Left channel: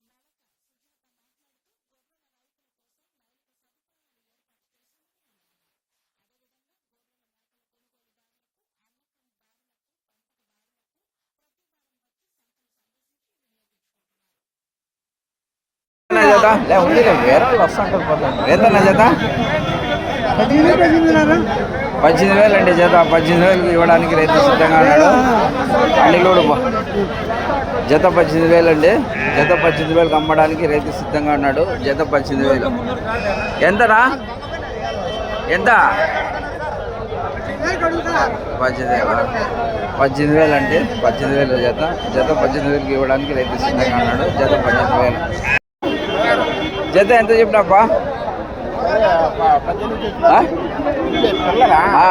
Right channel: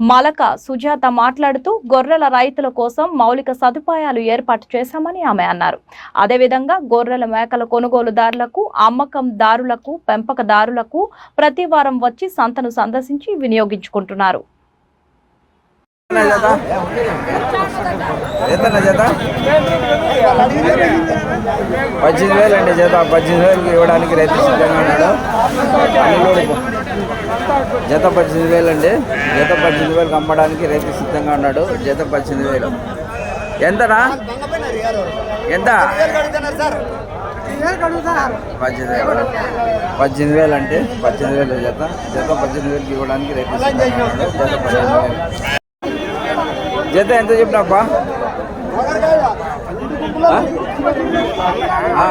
Malaka Sujatha మాట్లాడుతూ గొర్రెల రైతుల కోసం మౌలిక సదుపాయాలు ఏర్పాటు చేశామని ఆమె అన్నారు. అదేవిధంగా గొర్రెల మేకల కొనుగోలుదారులకు అమ్మకందారులకు పెంపకదారులకు ప్రతి వారం వచ్చి సంతను సందర్శించి వినియోగించుకుంటున్నారు. పద్దెనిమిది వేలు అండి జత. పద్దెనిమిది వేలకు ఇవ్వడానికి రైతు సిద్ధంగా ఉన్నాడు. అన్ని జత పద్దెనిమిది వేలు అండి. జత పద్దెనిమిది వేలకు అమ్మడానికి రైతు సిద్ధంగా ఉన్నాడు. జత పద్దెనిమిది వేలు. ఎంతనా? ఎంత? పద్దెనిమిది వేలు? పద్దెనిమిది వేలు అంటే పద్దెనిమిది వేలు జత. జత పద్దెనిమిది వేలకు ఇవ్వడానికి రైతు సిద్ధంగా ఉన్నాడు. జత పద్దెనిమిది వేలు. జత ఎంత చెప్పినాపా ఆ? ఆ.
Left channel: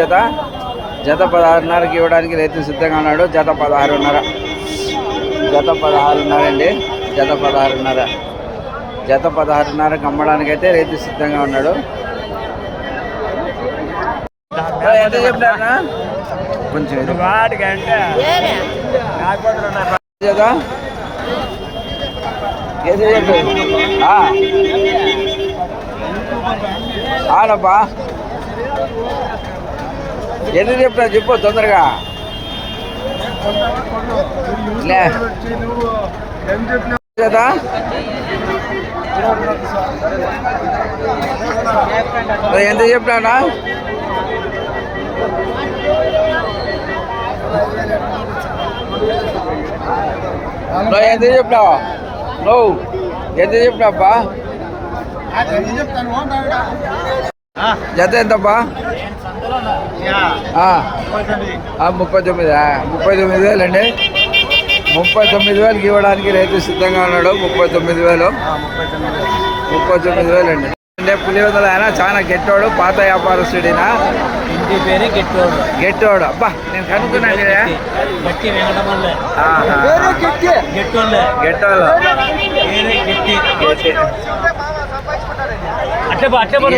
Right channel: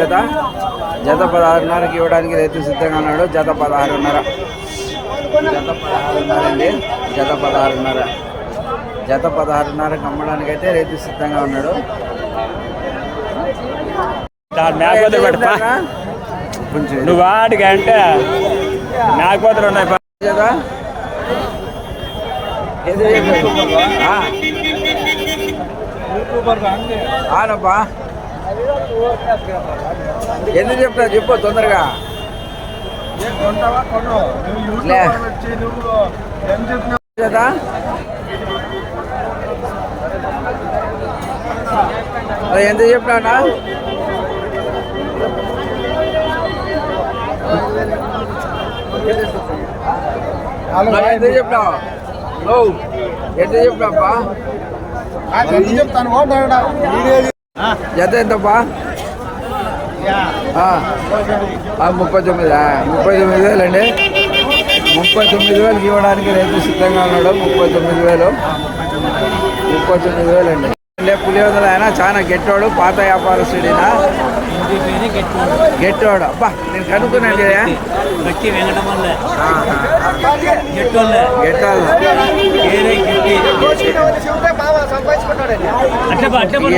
జత. జత పదహారున్నరకి ఇవ్వడానికి రైతు సిద్ధంగా ఉన్నాడు. జత పదహారున్నర. జత పదహారున్నర అండి. జత పదహారున్నర. జత పదహారున్నరకి అమ్మడానికి అయితే రైతు సిద్ధంగా ఉన్నాడు. ఎంత చెప్తారా కొంచెం జత? ఏదో చెప్పాడు ఆడబ్బా ఎందుకు చెప్తా చెప్పు తొందరగా. కదా? ఎంత చెప్పినానా నువ్వు ఎంత చెప్పినావు? నువ్వు ఎంత చెప్పినావా జత ఎంతప్పా? ముప్పై తొమ్మిది ముప్పై తొమ్మిది వేలు అండి ముప్పై తొమ్మిది వేలకి ఇవ్వడానికి రైతు సిద్ధంగా ఉన్నాడు. ముప్పై తొమ్మిది వేలు. ముప్పై తొమ్మిది వేలు. అండి అంటే పులివెందుల ఆయన చాలా గెట్టోడు పాత వ్యాపారస్తుడినా? గెట్టోడు. అబ్బా నేను కనుక్కున్నాను కదా గట్టి వెంకటమల్లె. గెట్టోళ్ళే. గెట్టోళ్ళు. ఏరే గట్టి.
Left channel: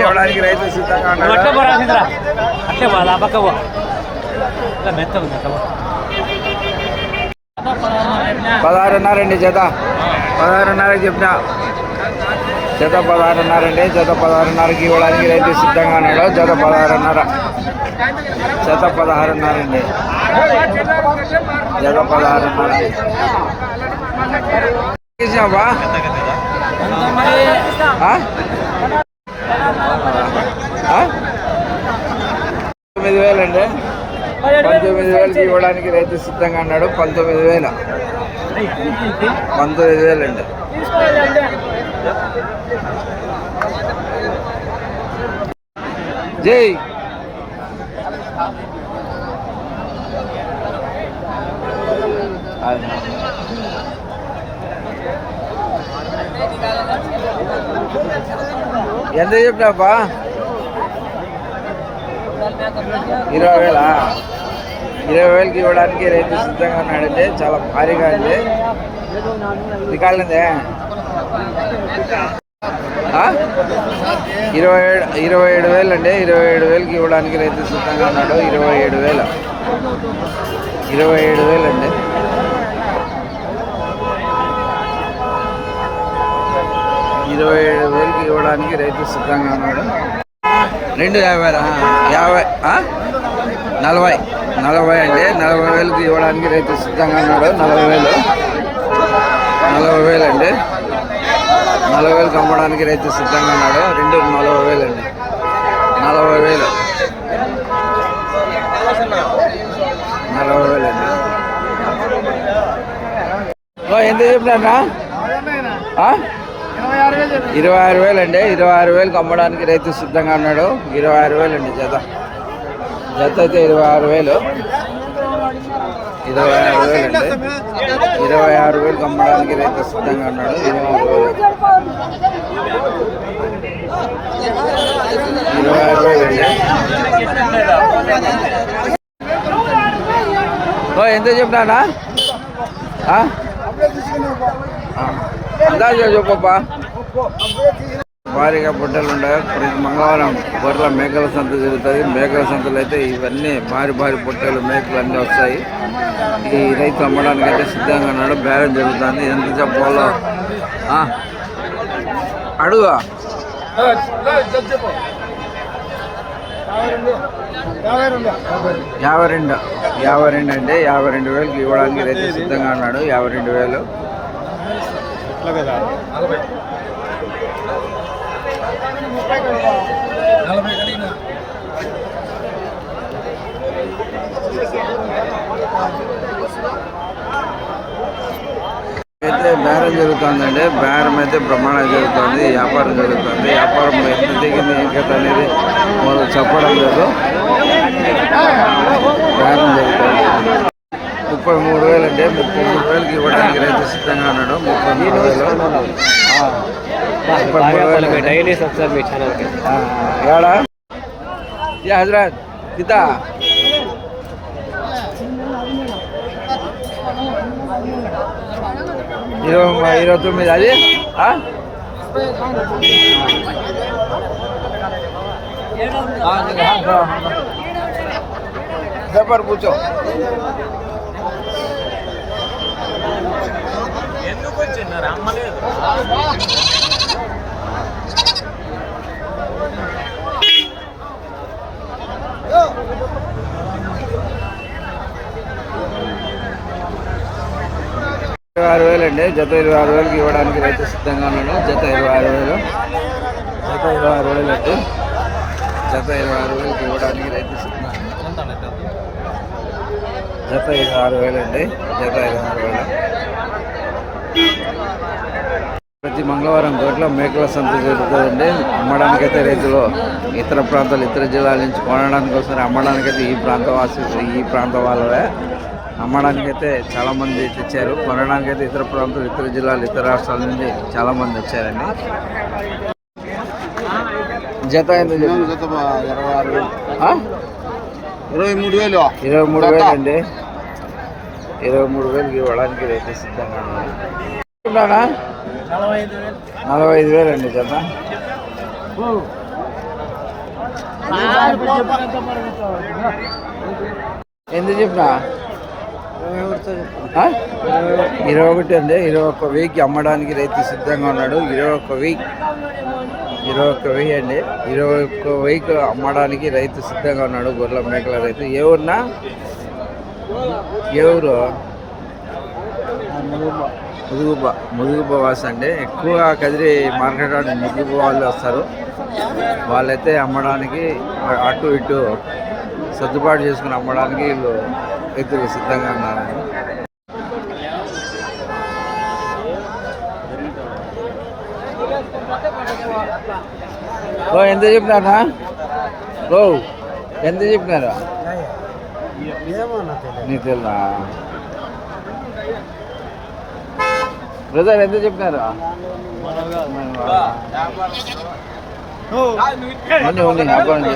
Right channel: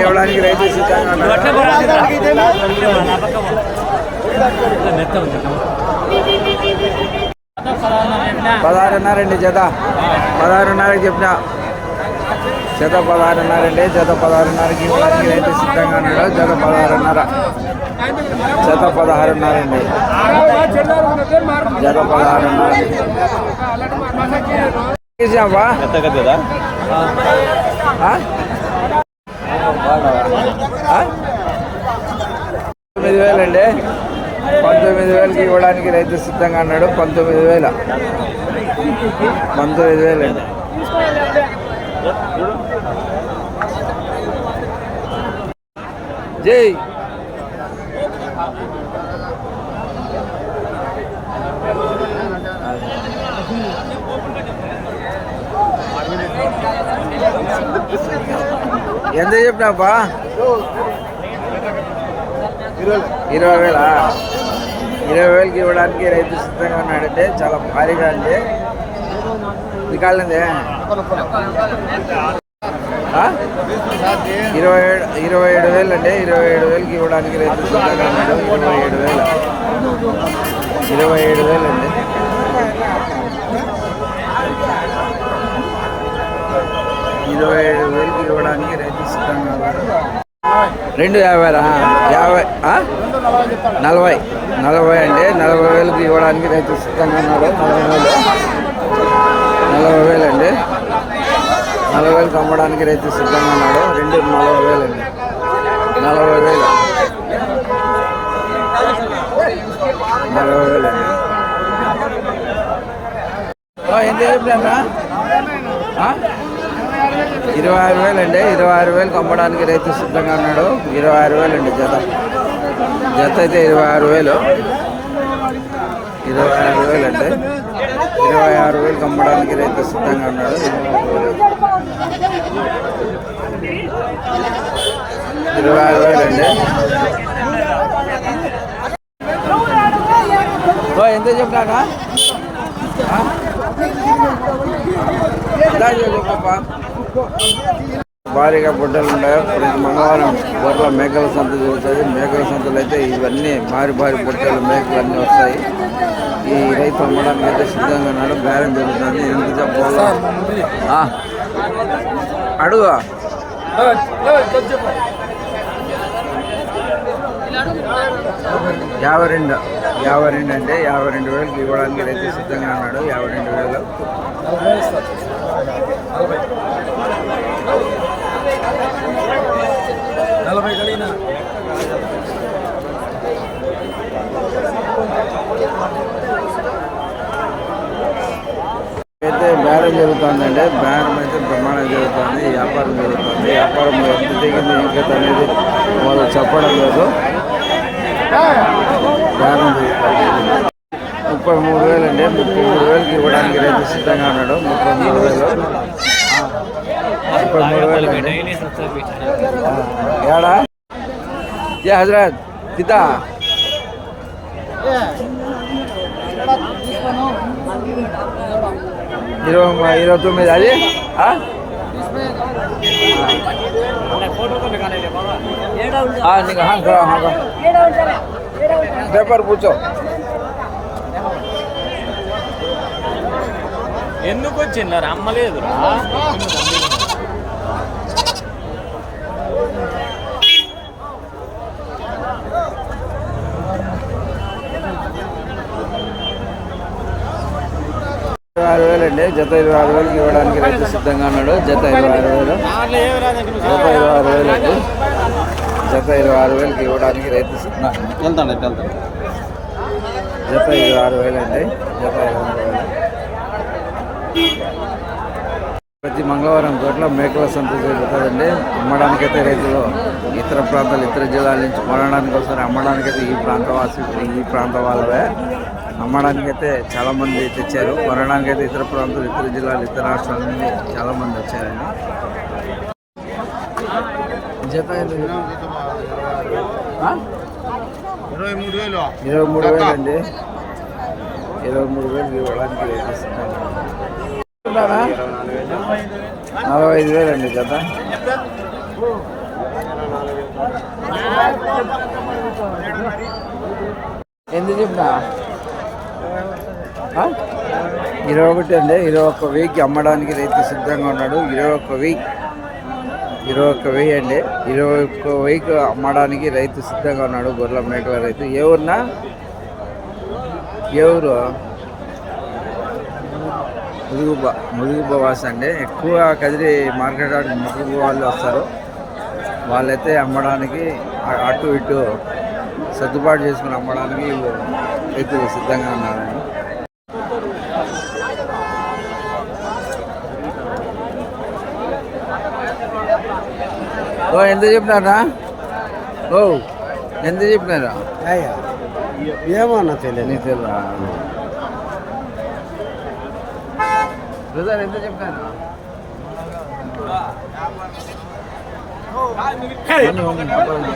ఇవ్వడానికి రైతు సిద్ధంగా ఉన్నాడు? అట్టే బరాదిరా అట్టే బా నా పక్క బా ఇలా మెత్తలు పదహారున్నర అండి జత. పదహారున్నరకి చెప్పిన? జత పదహారున్నర అండి జత పదహారున్నరకి ఇవ్వడానికి రైతు సిద్ధంగా ఉన్నాడు. జత పదహారున్నర. జత పదహారున్నర. అండి జత పదహారున్నర పంతొమ్మిది వేలండి. పంతొమ్మిది వేలకి ఇవ్వడానికి రైతు సిద్ధంగా అన్నాడు పంతొమ్మిది వేల. పంతొమ్మిది వేలండి. జై. అది. ఎంత చెప్పినాపా ఇరవై వేలా? ఇరవై వేలకి ఇవ్వడానికి రైతు సిద్ధంగా ఉన్నాడండి చాలా భారీగా ఉంది. నికాలందే ఇరవై ఏడు ఇరవై ఏడు వేలు అండి ఇరవై ఏడు వేలకి ఇవ్వడానికి రైతు సిద్ధంగా ఉన్నాడు. ఇరవై ఏడు వేల. ఇరవై ఏడు వేలు అండి ఇరవై ఏడు వేలకి ఇవ్వడానికి రైతు సిద్ధంగా ఉన్నాడు. రెండు యాభైరా యాభై ఆ? నలభై. నలభై అండి నలభై వేలకు ఇవ్వడానికి రైతు సిద్ధంగా ఉన్నాడు. నలభై వేలు. నలభై వేలు అండి నలభై వేలకు అమ్మడానికి రైతు సిద్ధంగా ఉన్నాడు. రెండు నలభై వేలు అండి నలభై వేలు. నలభై వేలు అండి ఓ, ఎంత ఇరవై ఆరు వేలు అండి ఇరవై ఆరు వేలకు అమ్మడానికి రైతు సిద్ధంగా ఉన్నాడు. ఇరవై ఆరు వేలు అండి జత. జత అయితే ఇరవై ఆరు వేలు. ఇరవై ఆరు వేలు అండి ఇరవై ఆరు వేలకు అమ్మడానికి రైతు సిద్ధంగా ఉన్నాడు. ఇరవై ఆరు వేలు. ఇరవై ఆరు వేలు అండి ఓ ఎంత చెప్తానా చెప్పబ్బా భారీగా బుడ్డలు ఉన్నాయి ప్రతి మంగళవారం గొర్రెల మేకల సంత జరుగుతుంది. మేకల సంతలు అయితే ఇవన్నీ భారీ భారీ బుట్టలు మేకలు అన్నీ వస్తాయి. ఈ రైతు అమ్మడానికి అయితే సిద్ధంగా ఉన్నాడు. బేరం జరుగుతుంది. ఎంత చెప్పాలో? ఆ. అడుగు. యాభై రెండు. యాభై రెండు అంటే యాభై రెండు వేలకు ఇవ్వడానికి రైతు సిద్ధంగా ఉన్నాడు. యాభై రెండు వేలు. నలభై కలిగిన. అయితే బేరం జరుగుతుందండి. బేరం అయితే బ్రహ్మాండంగా జరుగుతుంది. వ్యాపారం జరుగుతుంది. వ్యాపారం ఎంత దిగింది ఇంకత అనేది వాళ్ళు చెప్పడం లేదు. బేరం జరుగుతుంది ముప్పై మూడు వేలు అండి ముప్పై మూడు వేలకి ఇవ్వడానికి రైతు సిద్ధంగా ఉన్నాడు ముప్పై మూడు వేలు ముప్పై మూడు వేలు అండి ఏడా ఏ హజరాత్ కితా ఇరవై ఇరవై తొమ్మిది అది నీకు హాన్ హాన్ పేపర్ కూర్చో. ఎందుకు అమ్మలేదు. ఇరవై ఆరు వేలు అండి. జత ఇరవై ఆరు వేలకి ఇవ్వడానికి రైతు సిద్ధంగా ఉన్నాడు. జత ఇరవై ఆరు వేలు. జత ఇరవై ఆరు వేలు అండి. జత ఇరవై ఆరు వేలకి ఇవ్వడానికి రైతు జత ఇరవై ఆరు వేలు అండి జత ఇరవై ఆరు వేలు. ప్రతి మంగళవారం గొడ్ల మేకల సంత జరుగుతుందండి. అమ్మడానికైతే రైతులు ఇతర ప్రాంతాలు ఇతర జిల్లాల నుంచి కొనడానికి వస్తారు అమ్మడానికైతే ఈ ప్రాంత వాసి ఈ ప్రాంత వాళ్ళవే. అమ్మడానికైతే చాలా మంది తెచ్చారు. కొనడానికైతే ఇతర ప్రాంతాలు ఇతర జిల్లాలు ఇతర రాష్ట్రాల నుంచి చాలా మంది వచ్చారండి. జత ఎంత? ఇరవై మూడు వేలు. ఇరవై మూడు వేలు అండి ఇరవై మూడు వేలకి ఇవ్వడానికి రైతు సిద్ధంగా ఉన్నాడు? నలభై ఐదు వేలు అండి జత. ఎందుకు చెప్పినా? ఇరవై ఒకటి అండి ఇరవై ఒక్క వెయ్యికి అమ్మడానికి రైతు సిద్ధంగా ఉన్నాడు. ఇరవై ఒక్క వెయ్యి ఇరవై ఒక్క వెయ్యి అండి ఇరవై ఒక్క వెయ్యికి అమ్మడానికి రైతు సిద్ధంగా ఉన్నాడు గొర్రెల మేకల రైతు. ఏ ఊరినా? ఏ ఊరు? ముదుగుబ్బ అండి. ఎక్కువ కదిరి మార్కెట్ ఆడ వాళ్ళు వస్తారు. వాళ్ళైతే అమ్మడానికి అటు ఇటు సర్దుబాటు చేసుకుని అమ్మడానికి వీళ్ళు రైతులు సిద్ధంగా ఉన్నారండి ఓ ఎంత చెప్పినారా? ఓ ఎంత చెప్పినారా? తెల్లా? బ్రదర్ ఎంత చెప్పినారా? చేస్తున్నాను